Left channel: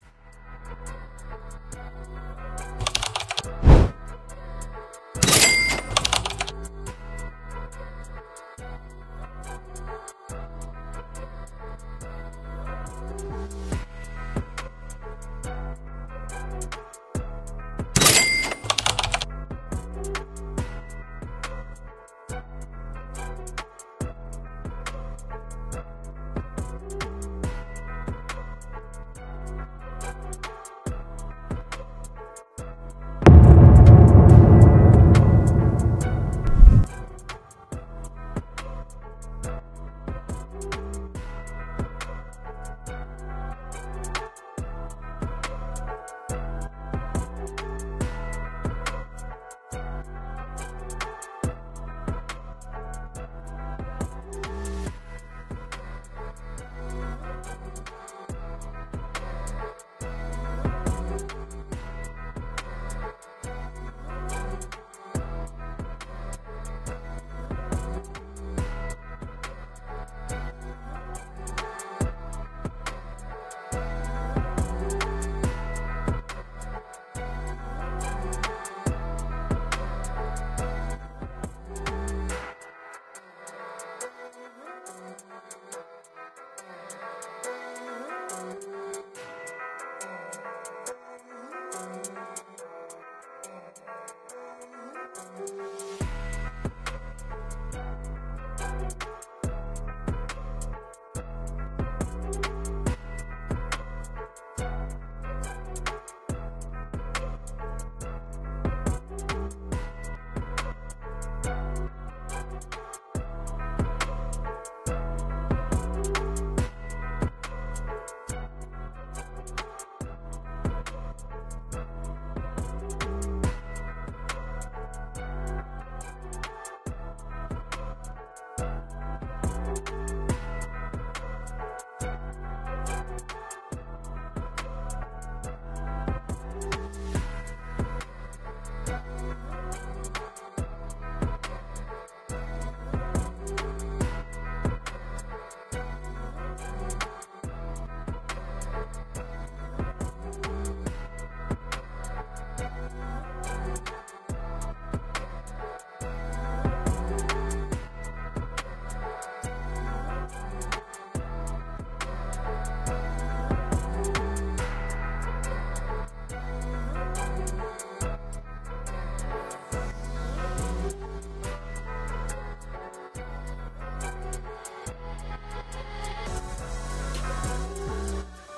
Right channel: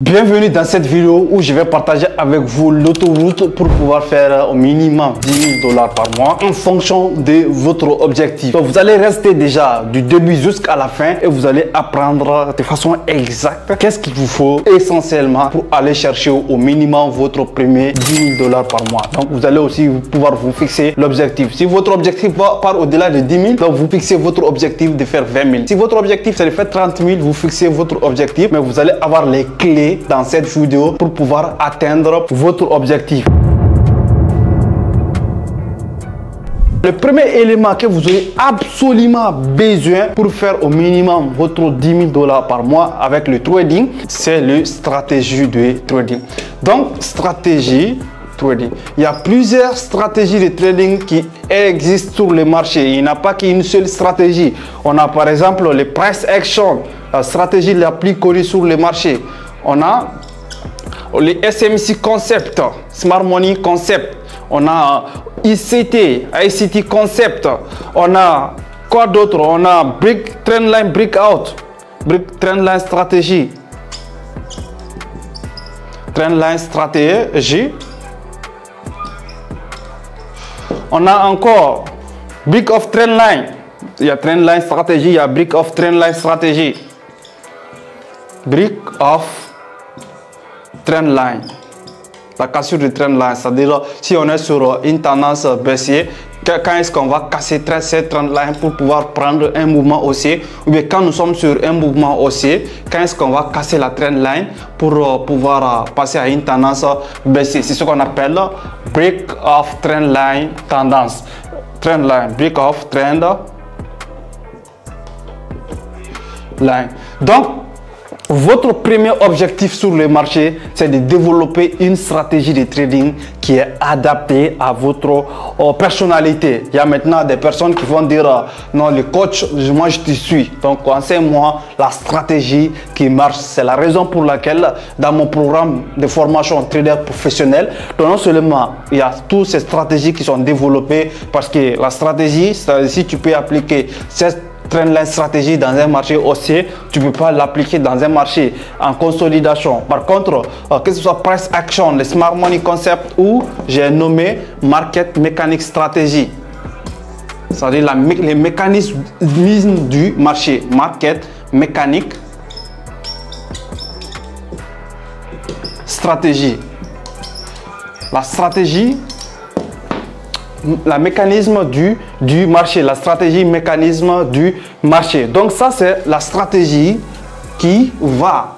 Bienvenue dans cette vidéo où je vais partager avec vous l'autoroute pour pouvoir faire au minimum 10 000 $ par mois en fonction de votre objectif. Donc vous allez rester déjà du début jusqu'à la fin et vous allez apprendre de façon exacte qu'est-ce qu'il vous faut essentiellement pour aller chercher au minimum votre premier 10 000 $ par mois. Donc vous allez aussi pouvoir vous fixer l'objectif. Si votre objectif part au-delà de 10 000, donc vous fixez votre objectif de faire 20 000. Si votre objectif c'est de faire 30 000, vous fixez votre objectif, mais vous allez avoir les clés dans cette vidéo pour pouvoir atteindre votre objectif. Le premier élément que vous aurez absolument besoin pour faire au minimum votre 10 000 $ par mois avec le trading, c'est la stratégie de trading. Donc, stratégie trading. Il y a plusieurs stratégies de trading qui existent sur le marché. Il n'y a pas qu'une seule stratégie. On a par exemple les price action, la stratégie la plus connue sur le marché. On a les SMC Concept, Smart Money Concept, on a ICT Concept, on a quoi d'autre? On a Trendline Breakout, Trendline Stratégie, Trendline Stratégie. On a encore Break of Trendline, il y a Trendline Stratégie, il y a Break of Trendline Stratégie, Break of Trendline, la cassure du trendline, c'est-à-dire si on est sur une tendance baissière, quand est-ce qu'on va casser cette trendline pour pouvoir prendre un mouvement haussier, ou bien quand nous sommes sur un mouvement haussier, quand est-ce qu'on va casser la trendline pour pouvoir passer à une tendance baissière. C'est ce qu'on appelle break of trendline tendance. Trendline, break of trend line. Donc votre premier objectif sur le marché, c'est de développer une stratégie de trading qui est adaptée à votre personnalité. Il y a maintenant des personnes qui vont dire non, le coach, moi je te suis. Donc enseigne-moi la stratégie qui marche. C'est la raison pour laquelle dans mon programme de formation trader professionnel, non seulement il y a toutes ces stratégies qui sont développées parce que la stratégie, si tu peux appliquer cette trendline stratégie dans un marché haussier, tu ne peux pas l'appliquer dans un marché en consolidation. Par contre, que ce soit price action, le smart money concept ou j'ai nommé market mechanic stratégie, c'est-à-dire les mécanismes du marché, market mécanique stratégie, la stratégie, la mécanisme du marché, la stratégie mécanisme du marché. Donc ça, c'est la stratégie qui va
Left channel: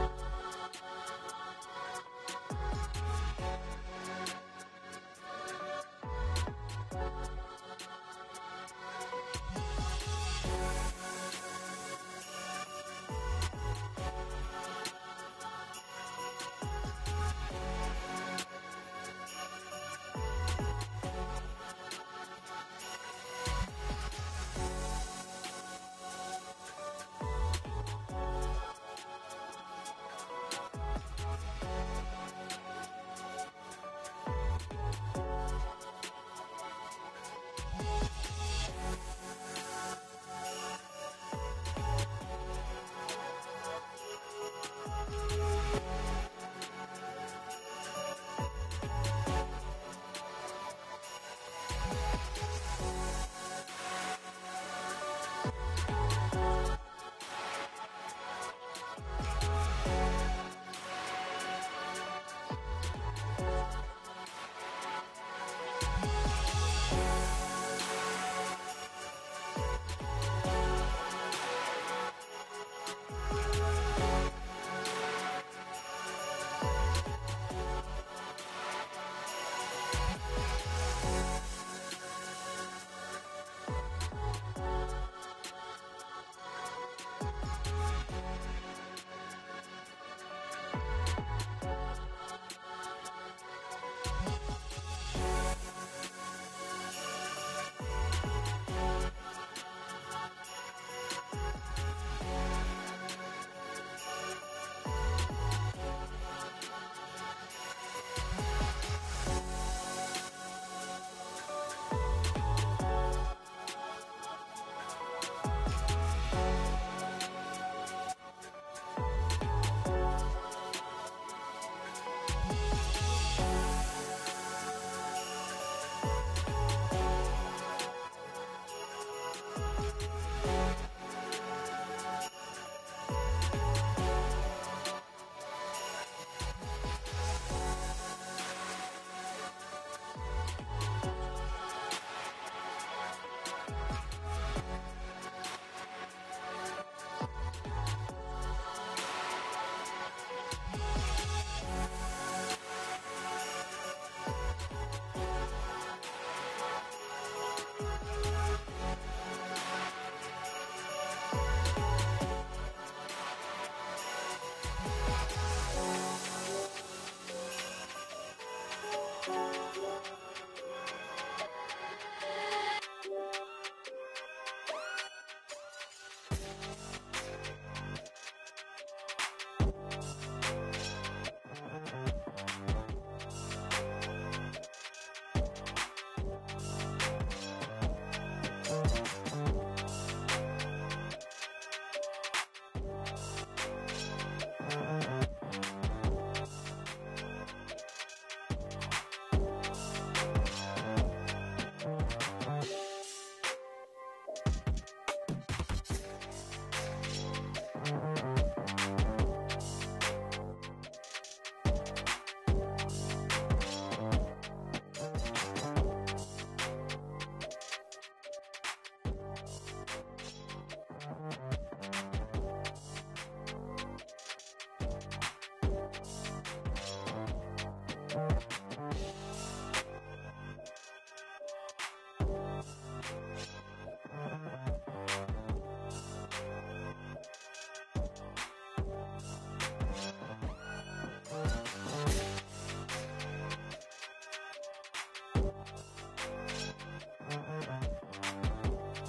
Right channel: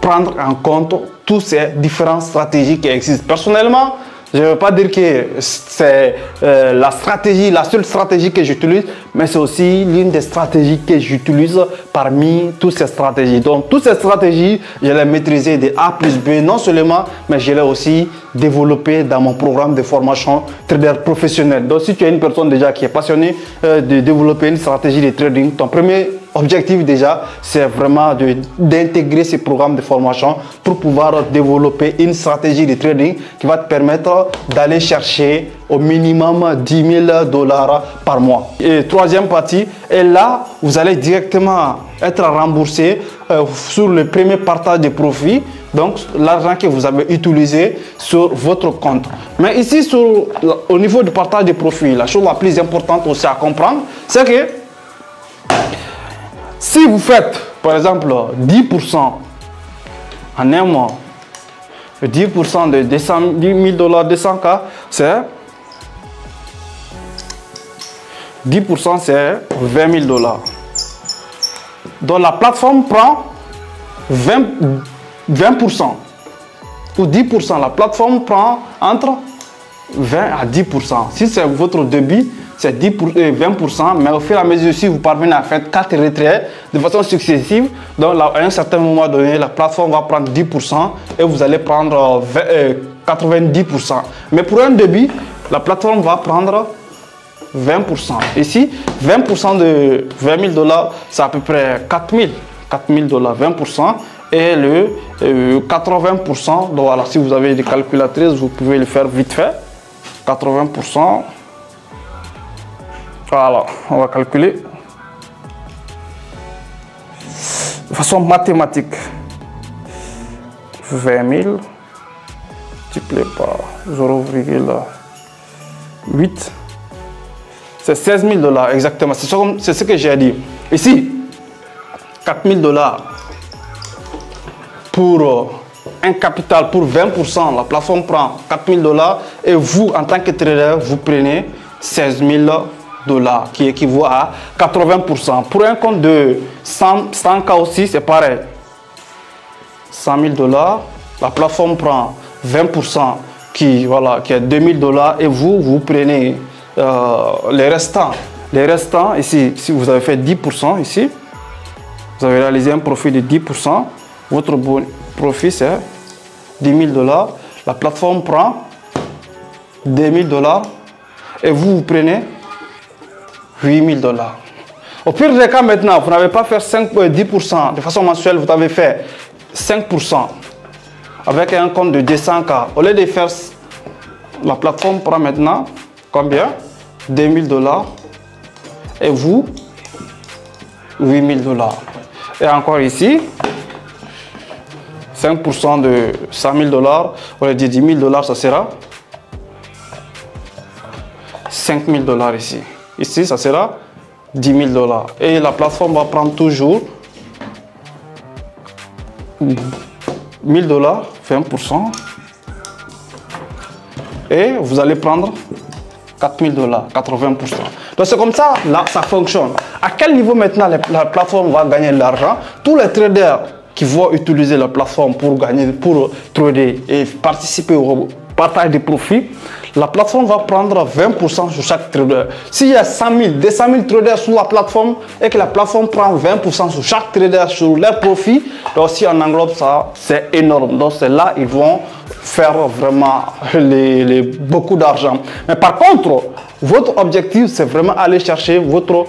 prendre en compte toutes ces différentes stratégies qui existent. Personnellement, je ne veux pas dire que c'est la seule stratégie que j'utilise, mais c'est aussi l'une des stratégies que j'utilise parmi toutes ces stratégies. Donc, toutes ces stratégies, je les maîtrisais de A plus B, non seulement, mais je les aussi développé dans mon programme de formation trader professionnel. Donc, si tu es une personne déjà qui est passionnée de développer une stratégie de trading, ton premier objectif déjà, c'est vraiment d'intégrer ces programmes de formation pour pouvoir développer une stratégie de trading qui va te permettre d'aller chercher au minimum 10 000 $ par mois. Et troisième partie, et là, vous allez directement être remboursé sur le premier partage de profit, donc l'argent que vous avez utilisé sur votre compte. Mais ici, au niveau du partage de profit, la chose la plus importante aussi à comprendre, c'est que si vous faites, par exemple, 10% en un mois, 10% de 10 000 $, 200K, c'est 10%, c'est 20 000 $. Donc la plateforme prend 20% ou 10%. La plateforme prend entre 20 à 10%. Si c'est votre débit, c'est 20%, mais au fur et à mesure, si vous parvenez à faire 4 retraits de façon successive, donc là, à un certain moment donné, la plateforme va prendre 10% et vous allez prendre 90%. Mais pour un débit, la plateforme va prendre 20%. Ici, 20% de 20 000 $, c'est à peu près 4 000 $, 20%. Et le 80%, donc voilà, si vous avez des calculatrices, vous pouvez le faire vite fait. 80%. Voilà, on va calculer de façon mathématique. 20 000 multiplié par 0,8. C'est 16 000 $, exactement. C'est ce que j'ai dit. Ici, 4 000 $ pour un capital pour 20%. La plateforme prend 4 000 $ et vous, en tant que trader, vous prenez 16 000 $ qui équivaut à 80%. Pour un compte de 100K aussi, c'est pareil. 100 000 $, la plateforme prend 20% qui est 2 000 $ et vous prenez les restants. Les restants, ici, si vous avez fait 10% ici, vous avez réalisé un profit de 10%. Votre profit, c'est 10 000 $. La plateforme prend 2 000 $ et vous prenez 8 000 $. Au pire des cas, maintenant, vous n'avez pas fait 10% de façon mensuelle, vous avez fait 5% avec un compte de 200K. Au lieu de faire, la plateforme prend maintenant combien? 2 000 $ et vous 8 000 $. Et encore ici, 5% de 100 000 $, au lieu de 10 000 $, ça sera 5 000 $ ici. Ici, ça sera 10 000 $. Et la plateforme va prendre toujours 1 000 $, 20%. Et vous allez prendre 4 000 $, 80%. Donc c'est comme ça, là, ça fonctionne. À quel niveau maintenant la plateforme va gagner de l'argent? Tous les traders qui vont utiliser la plateforme pour trader et participer au partage des profits, la plateforme va prendre 20% sur chaque trader. S'il y a 200 000 traders sur la plateforme et que la plateforme prend 20% sur chaque trader sur leurs profits, donc si on englobe ça, c'est énorme. Donc c'est là ils vont faire vraiment beaucoup d'argent. Mais par contre, votre objectif, c'est vraiment aller chercher votre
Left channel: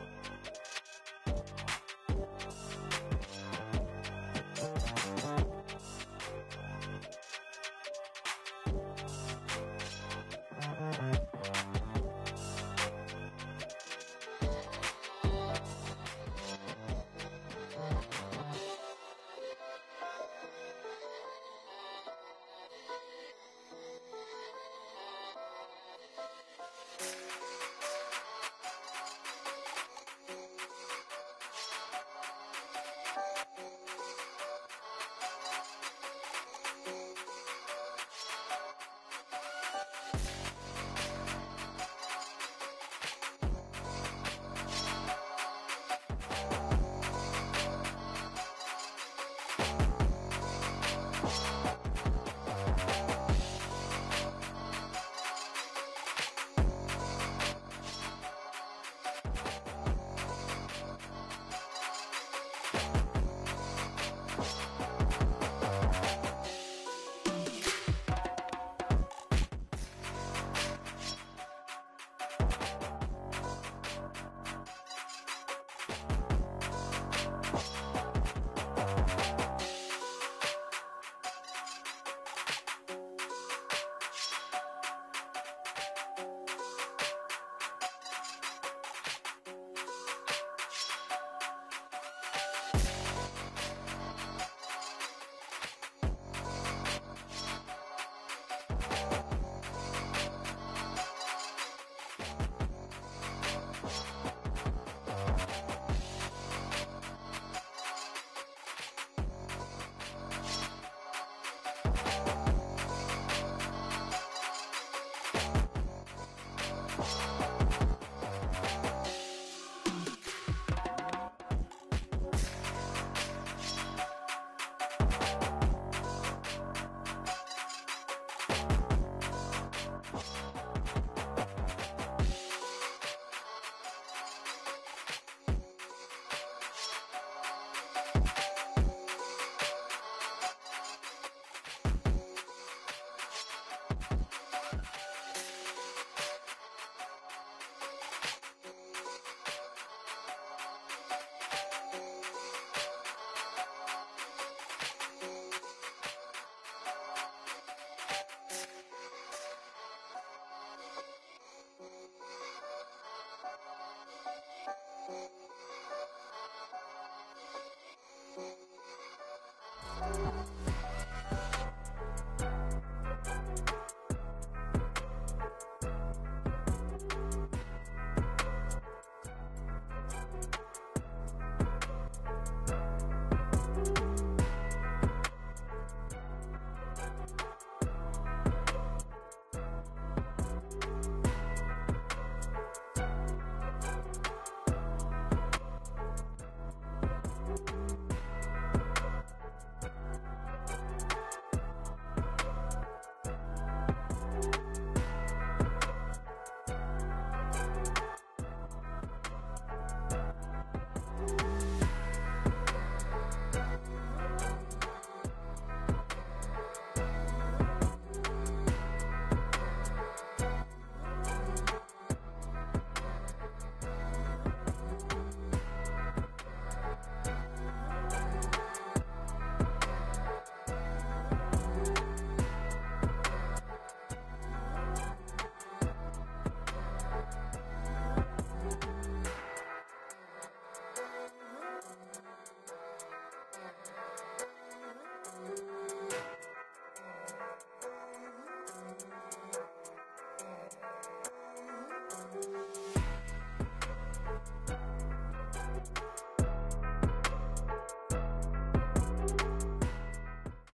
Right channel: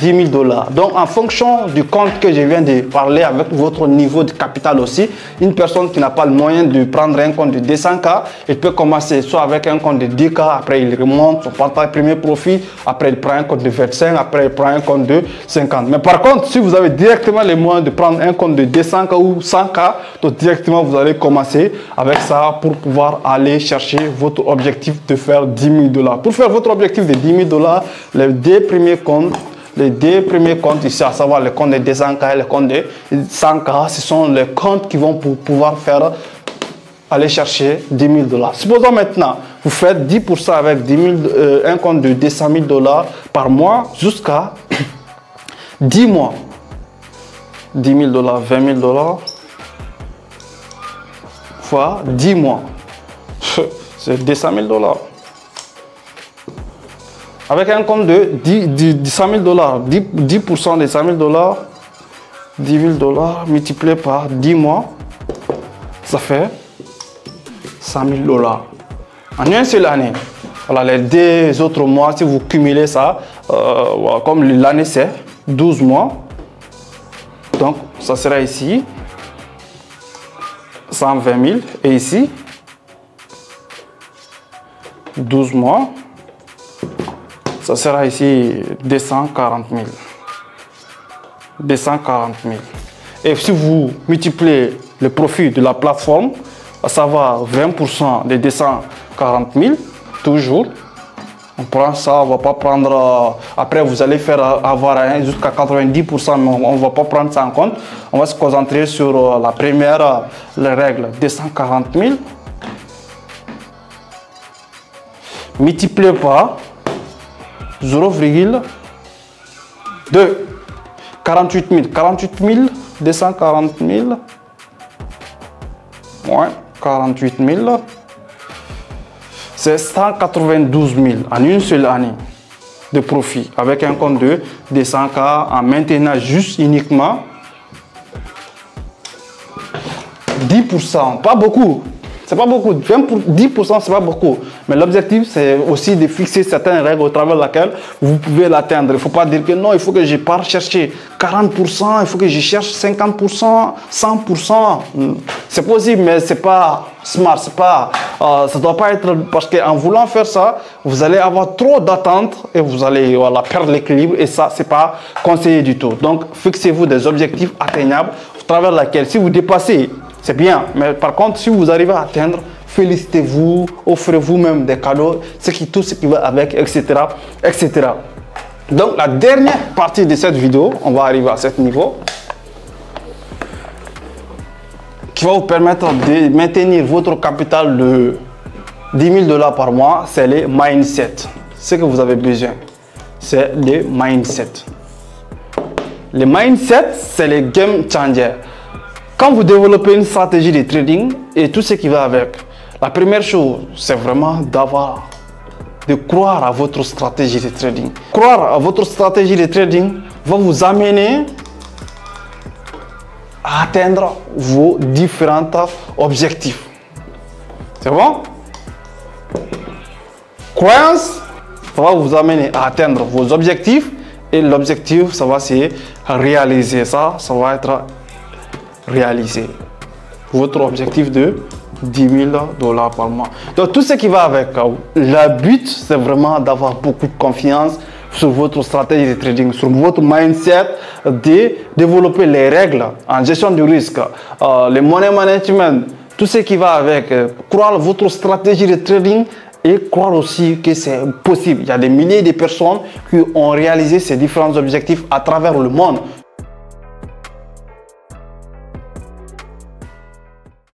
10 000 $. Donc, en fonction du compte que je viens de parler, avec votre niveau de capital aussi, une personne qui n'a pas le moyen de prendre un compte de 200K, il peut commencer soit avec un compte de 10K, après il remonte son premier profit, après il prend un compte de 25, après il prend un compte de 50. Mais par contre, si vous avez directement les moyens de prendre un compte de 200K ou 100K, donc directement vous allez commencer avec ça pour pouvoir aller chercher votre objectif de faire 10 000 $. Pour faire votre objectif de 10 000 $, les deux premiers comptes ici, à savoir les comptes de 200K et les comptes de 100K, ce sont les comptes qui vont pouvoir faire aller chercher 10 000 $. Supposons maintenant, vous faites 10% avec un compte de 200 000 $ par mois jusqu'à 10 mois. 10 000 $, 20 000 $ fois 10 mois. C'est 200 000 $. Avec un compte de 100 000 $, 10% de 100 000 $, 10 000 $ multiplié par 10 mois, ça fait 100 000 $ en une seule année. Voilà, les deux autres mois, si vous cumulez ça, comme l'année c'est 12 mois, donc ça sera ici 120 000 et ici 12 mois. Ça sera ici 240 000. 240 000. Et si vous multipliez le profit de la plateforme, à savoir 20% de 240 000, toujours, on prend ça, on ne va pas prendre... après, vous allez faire avoir jusqu'à 90%, mais on ne va pas prendre ça en compte. On va se concentrer sur la première règle, 240 000, multiplié par 0,2. 48 000. 48 000, 240 000. Ouais, 48 000. C'est 192 000 en une seule année de profit avec un compte de 200K en maintenant juste uniquement 10%. Pas beaucoup. C'est pas beaucoup, 10% c'est pas beaucoup. Mais l'objectif c'est aussi de fixer certaines règles au travers de laquelle vous pouvez l'atteindre. Il ne faut pas dire que non, il faut que je parte chercher 40%, il faut que je cherche 50%, 100%. C'est possible, mais c'est pas smart, c'est pas, ça doit pas être, parce qu'en voulant faire ça, vous allez avoir trop d'attentes et vous allez perdre l'équilibre et ça c'est pas conseillé du tout. Donc fixez-vous des objectifs atteignables au travers de laquelle si vous dépassez c'est bien. Mais par contre, si vous arrivez à atteindre, félicitez-vous, offrez-vous même des cadeaux, tout ce qui va avec, etc., etc. Donc, la dernière partie de cette vidéo, on va arriver à ce niveau, qui va vous permettre de maintenir votre capital de 10 000 $ par mois, c'est les mindset. Ce que vous avez besoin, c'est les mindset. Les mindset, c'est les game changers. Quand vous développez une stratégie de trading et tout ce qui va avec, la première chose, c'est vraiment de croire à votre stratégie de trading. Croire à votre stratégie de trading va vous amener à atteindre vos différents objectifs. C'est bon? Croyance, ça va vous amener à atteindre vos objectifs et l'objectif, ça va se réaliser. Ça va être réalisé. Votre objectif de 10 000 $ par mois. Donc tout ce qui va avec, le but, c'est vraiment d'avoir beaucoup de confiance sur votre stratégie de trading, sur votre mindset, de développer les règles en gestion du risque, le money management, tout ce qui va avec, croire votre stratégie de trading et croire aussi que c'est possible. Il y a des milliers de personnes qui ont réalisé ces différents objectifs à travers le monde.